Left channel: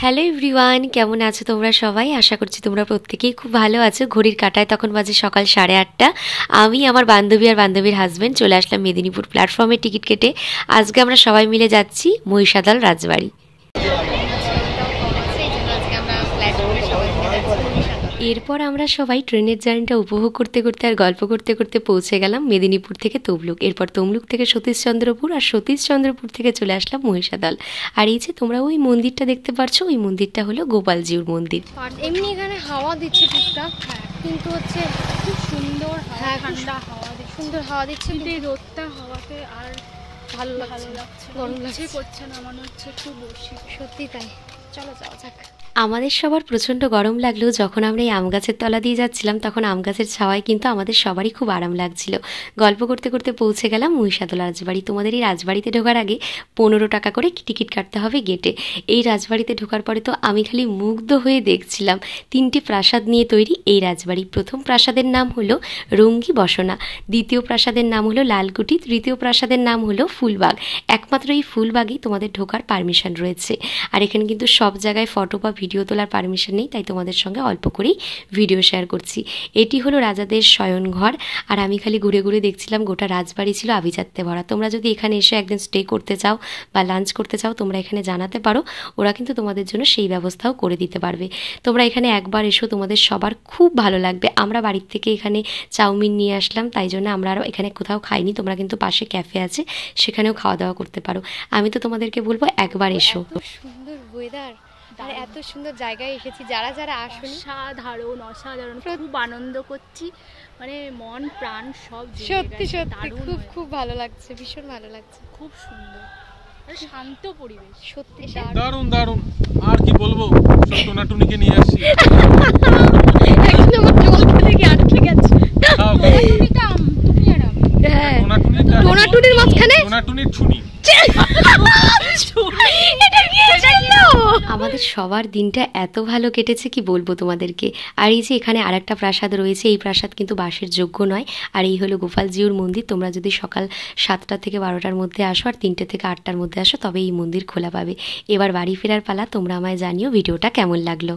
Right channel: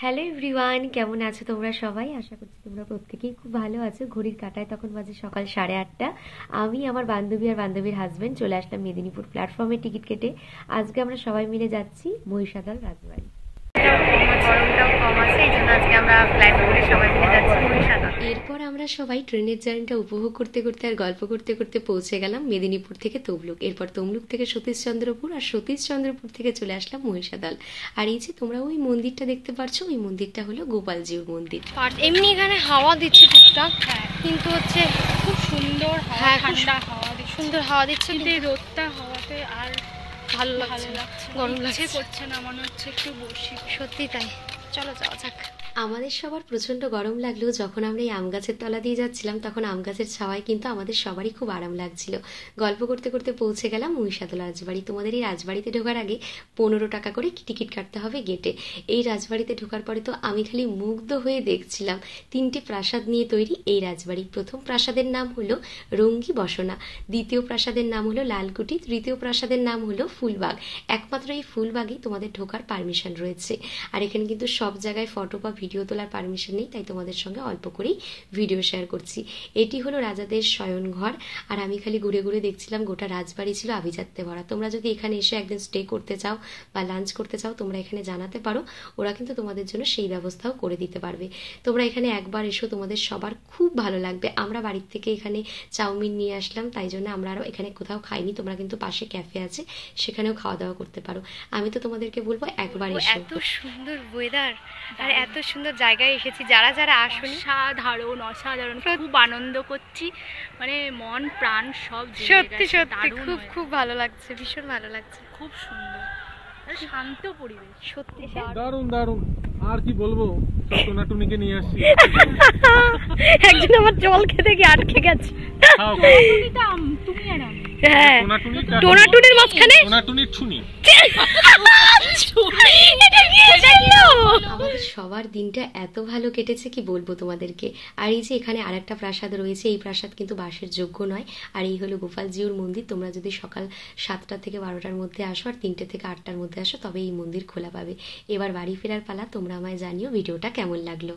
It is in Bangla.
হ্যালো এভরিওয়ান, কেমন আছো তোমরা সবাই? আশা করছি তোমরা প্রত্যেকেই খুব ভালো আছো। ঘড়ির কাঁটায় তখন বাজে সকাল 8:30। আমি আমার বান্ধবী আর বান্ধবীর হাজব্যান্ড চলে আসলাম মেদিনীপুর প্ল্যাটফর্মে টিকিট কেটে। আজকে আমরা সবাই মিলে যাচ্ছি মহিষাদল রাজবাড়ি। গরমটাও কম আছে, এই জন্য আজকে আমরা ফ্লাইট করে সবাই মিলে যাচ্ছি মহিষাদল। এরপর আমরা সবাই ট্রেনের জার্নিটা উপভোগ করতে করতে আর গল্প করতে করতে পৌঁছে গেলাম মেদিনীপুর থেকে তমলুক। এরপর তমলুক থেকে সতীশচন্দ্রপুর, আর সতীশচন্দ্রপুর থেকে চলে আসলাম মহিষাদল। আর এই যে তোমরা ওই মন্দিরটা দেখতে পাচ্ছ, ওই মন্দিরটা হলো গোপালজিউর মন্দির। এমনি এখানে হাওয়া দিচ্ছে টুকটাক, কিন্তু হচ্ছে খুব সুন্দর হাওয়া, হ্যাঁ, ঠান্ডা হাওয়া দিচ্ছে। সুন্দর হাওয়া দিচ্ছে, কিন্তু কিন্তু এই রোদটা হাওয়াতে আর ভালো ভালো লাগছে, লাগছে না, গরম ইচ্ছে লাগছে। করছে না, মনে হচ্ছে একটু বসি। সত্যি তাই, চলো যাওয়া যাক। আমাদের সবার প্রচণ্ড গরম লাগলেও যখন আমরা এই আম গাছের তলা দিয়ে যাচ্ছিলাম, তখন আম গাছের ছাওয়ায় কিন্তু আমাদের সবারই খুব আরাম লাগছিল। গল্প করতে করতে পৌঁছে গেলাম মহিষাদল রাজবাড়ি। তোমাদের এই রাজবাড়িতে ঢোকার আগে 15 টাকা করে টিকিট কাটতে হবে গেটে। এই রাজবাড়িতে ঢোকার পরে তো আমি খালি মুগ্ধ হয়ে দেখছিলাম। 3টি প্রাসাদ নিয়ে তৈরি এই রাজবাড়ি। প্রথম প্রাসাদের নাম হলো রঙ্গি বসনা, দ্বিতীয় প্রাসাদের নাম হলো লালকুটি, তৃতীয় প্রাসাদের নাম হলো ফুলবাগ। একমাত্র এই ফুলবাগেই তোমাদের ঢোকার পারমিশন রয়েছে। আর এখানে কিন্তু সব জায়গায় ফটো বা ভিডিও তোলার পারমিশন নেই, তাই তোমাদের সঙ্গে অল্প করেই ভিডিও শেয়ার করছি। এটি হলো রাজাদের শয়নঘর। আর আমি খালি ঘুরে ঘুরে দেখছিলাম, গোটা রাজবাড়ি ছিল আভিজাত্যে ভরা। তোমরা যদি এখানে এসে একদিন স্টে করতে চাও বা লাঞ্চ করতে চাও, তোমরা এখানে জানাতে পারো, ওরা কিন্তু তোমাদের জন্য সেই ব্যবস্থাও করে দিতে পারবে। তোমরা এখানে একবার এসো, তোমাদের সবার খুব ভালো লাগবে। আমরা বাড়ির থেকে এখানে চাউমিন নিয়ে আসলাম, তাই জন্য আমরা আরও এখানে কোথাও খাইনি। তোমরা কিন্তু পাশে ক্যাফে আছে, সেখানেও খাওয়া দাওয়া করতে পারো। আমি তো তোমাদেরকে বলবো একবার এসো। এত সুন্দর ওয়েদার আর এত সুন্দর জায়গায় এসেছি, যারা যারা আসুনি অসাধারণ অসাধারণ, খুব আনন্দ করছি, মানে মন প্রাণ সব জুড়ে সত্যি গেছে, সত্যি দারুণ খুব হয়েছে। খুব ভালো লাগছে, ভীষণ ভালো লাগছে, খুব সুন্দর আর শান্ত পরিবেশ। সত্যি। দারুণ দারুণ, আর কি বলবো, সব টোনাটুনিকে নিয়ে আসছি। একদিন আমার জল খেতে গিয়ে আটকে গেছে। খাও, টুনিটা তুমি আর আমি। হ্যাঁ, টোনাটুনিটা- টোনাটুনির মাঝখানে টোনাটুনির ছুনি। এটা কি জানলো? আমাদের সবার দিনটা এত ভালো কেটেছে কি বলবো তোমাদেরকে। আর এই যে এখানে আরেকটা প্রাসাদ রয়েছে, এই প্রাসাদ কিন্তু বাসের যোগ্য নয়। আর এই হলো গোপালজিউর মন্দির। তোমরা যদি সকাল 7টা থেকে 12টার মধ্যে আসো আর 3টে থেকে 8টার মধ্যে আসো, তবে এই মন্দির খোলা পাবে। এবার বাড়ি ফেরার পালা। তোমরা আমায় জানিও ভিডিওটা কেমন লাগলো।